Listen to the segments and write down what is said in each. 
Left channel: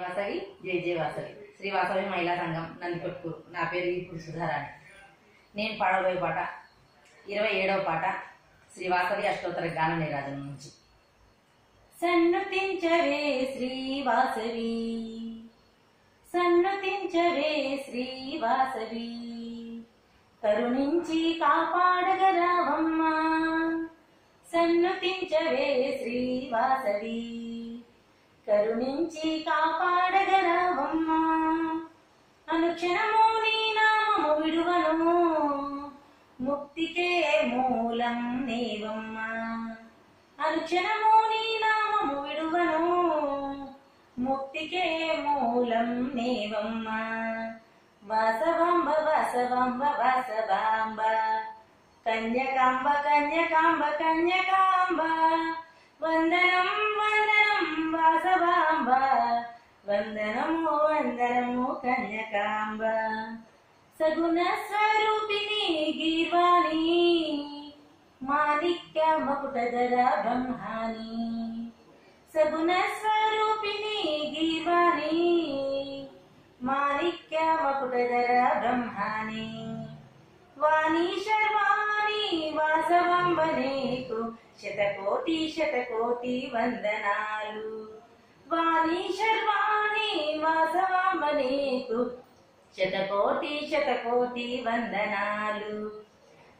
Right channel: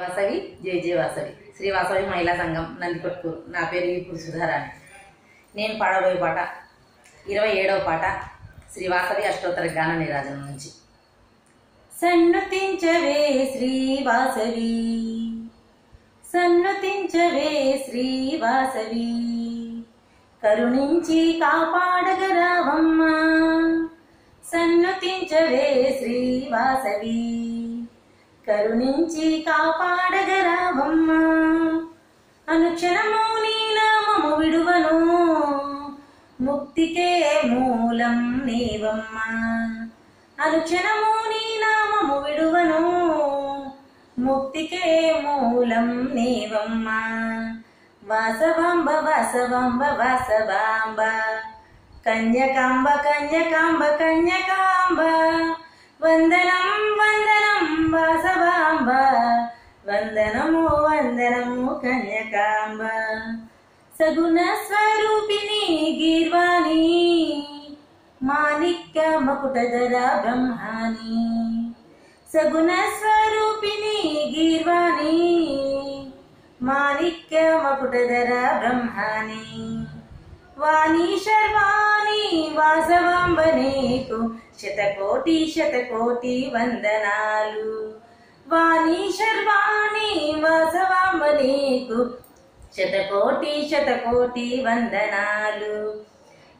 వాసవి జై జై వాసవి శ్రీ వాసవి మహిళా సంఘం నందికొట్కూరు. నా పేరు ఇప్పుడు సుధారాణి. నేను పాడబోయే పాట 27వ పాట శ్రీ వాసవి అష్టోత్తర గాన నీరాజనం నుంచి. సన్నుతించవే శ్రీ వాసవి, సన్నుతించవే శ్రీ వాసవి, కరుణించి కాపాడగరావమ్మా. సన్నుతించవే శ్రీ వాసవి, కరుణించి కాపాడగరావమ్మా. అనుక్షణము నీ నామము విడువను, ముక్తికే మూలం నీవమ్మా. అనుక్షణము నీ నామము విడువను, ముక్తికే మూలం నీవమ్మా. వాసవాంబ వాసవాంబ వాసవాంబ, కన్యకాంబ కన్యకాంబ కన్యకాంబ, వందనం వందనం వాసవాంబ, వందనము వందనము కన్యకాంబ. సగుణ స్వరూపిణి గీర్వాణి, మాణిక్య మకుటధర బ్రహ్మాణి. సగుణ స్వరూపిణి గీర్వాణి, మాణిక్య మకుటధర బ్రహ్మాణి. వాణి శర్వాణి వాసవాంబ నీకు శతకోటి శతకోటి వందనాలు. వాణి శర్వాణి వాసవాంబ నీకు శతకోటి శతకోటి వందనాలు.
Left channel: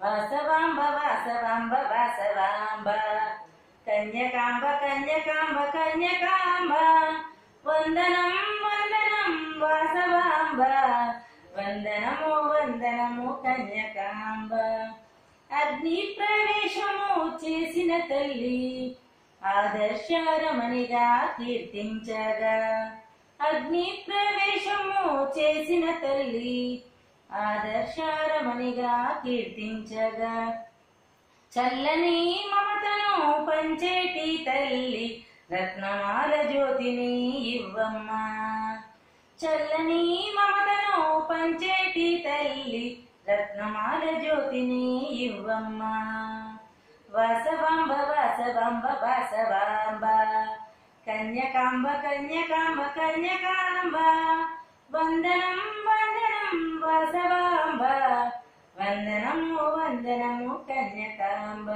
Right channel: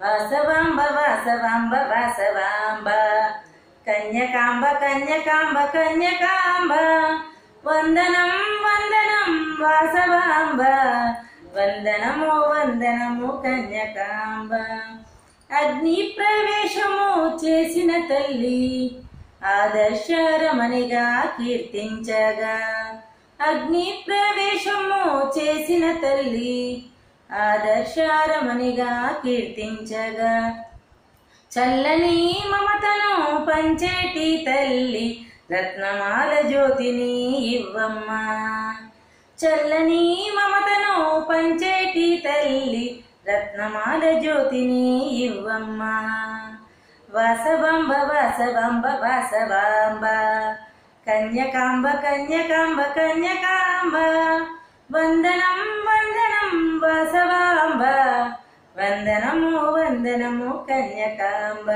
వాసవాంబ వాసవాంబ వాసవాంబ, కన్యకాంబ కన్యకాంబ కన్యకాంబ, వందనం వందనం వాసవాంబ, వందనము వందనము కన్యకాంబ. అగ్ని ప్రవేశము చేసిన తల్లి ఆదర్శరమణిగా కీర్తించగా. అగ్ని ప్రవేశము చేసిన తల్లి ఆదర్శరమణిగా కీర్తించగా. చల్లని మమతను పంచేటి తల్లి రత్నమాల జ్యోతిని ఇవ్వమ్మా. చల్లని మమతను పంచేటి తల్లి రత్నమాల జ్యోతిని ఇవ్వమ్మా. వాసవాంబ వాసవాంబ వాసవాంబ, కన్యకాంబ కన్యకాంబ కన్యకాంబ, వందనం వందనం వాసవాంబ, వందనము వందనము కన్యకాంబ,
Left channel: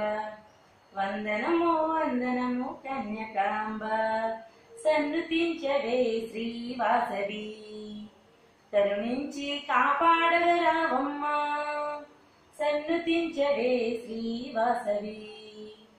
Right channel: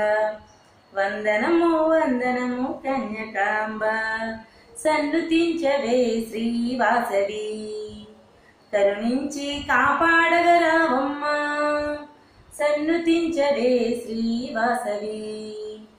వందనము వందనము కన్యకాంబ. సన్నుతించవే శ్రీ వాసవి, కరుణించి కాపాడగరావమ్మా. సన్నుతించవే శ్రీ వాసవి.